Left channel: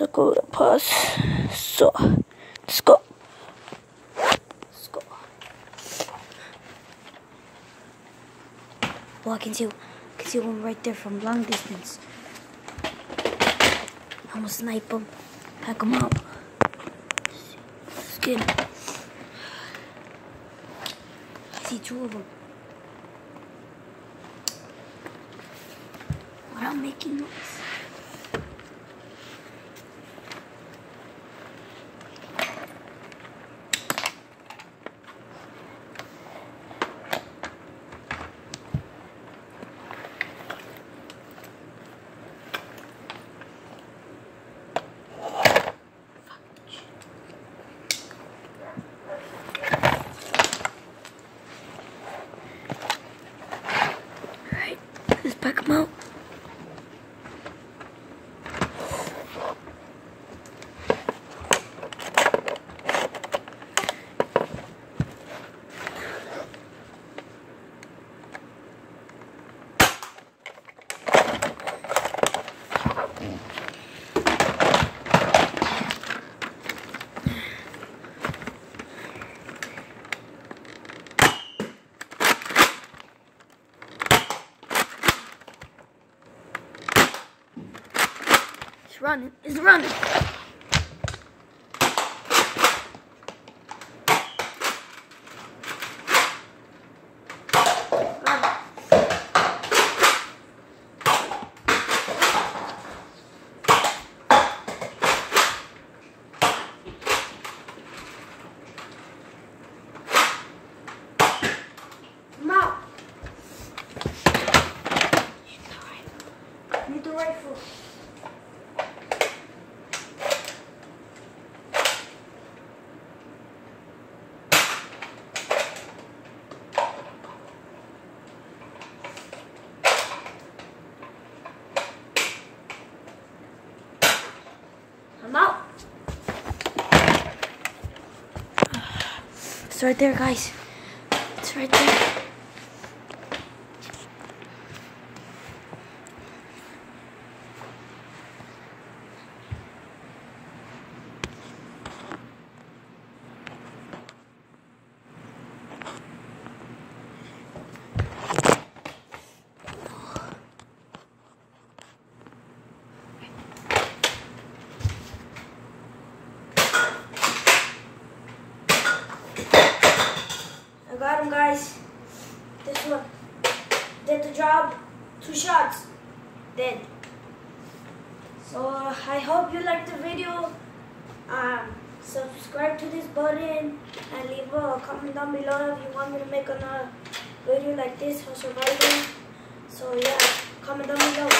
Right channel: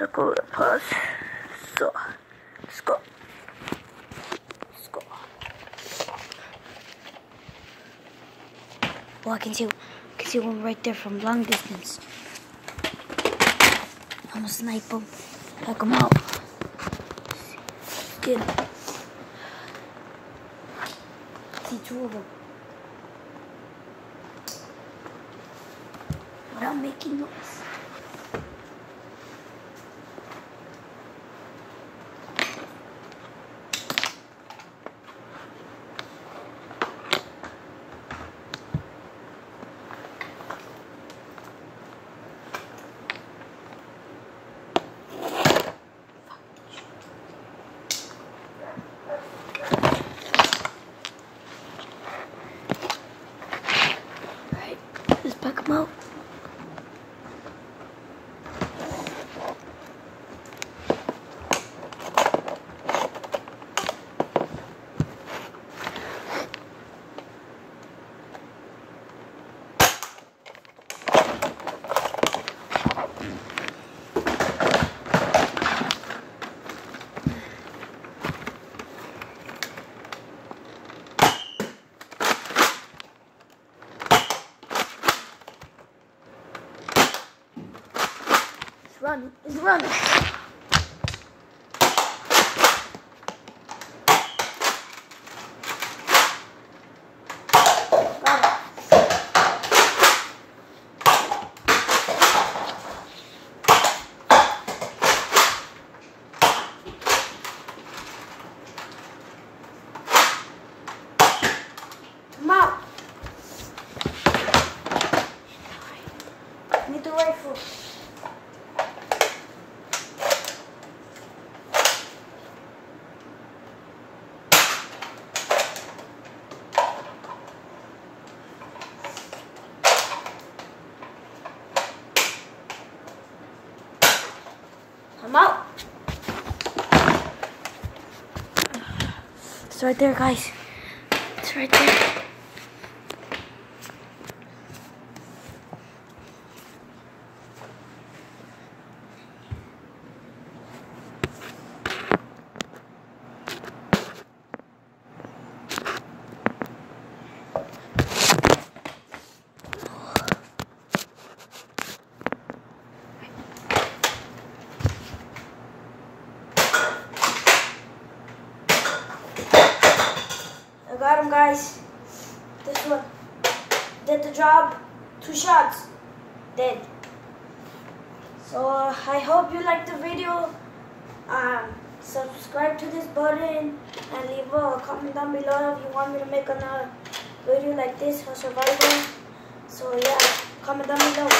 took over the pass. So, let's go. Let's go. Oh, I can see one right there from long distance. I'm gonna snipe him. Pack him out. Let's get him. I see two of them. Without making noise. Let's pack them out. It's running. Come out. Need the rifle. I'm out. It's right there, guys. It's right there. I got him, guys. This one did the job. 2 shots. Dead. So I hope you liked the video. Subscribe to this button and leave a comment down below if you want me to make another video like this for survival. So yeah, comment down below.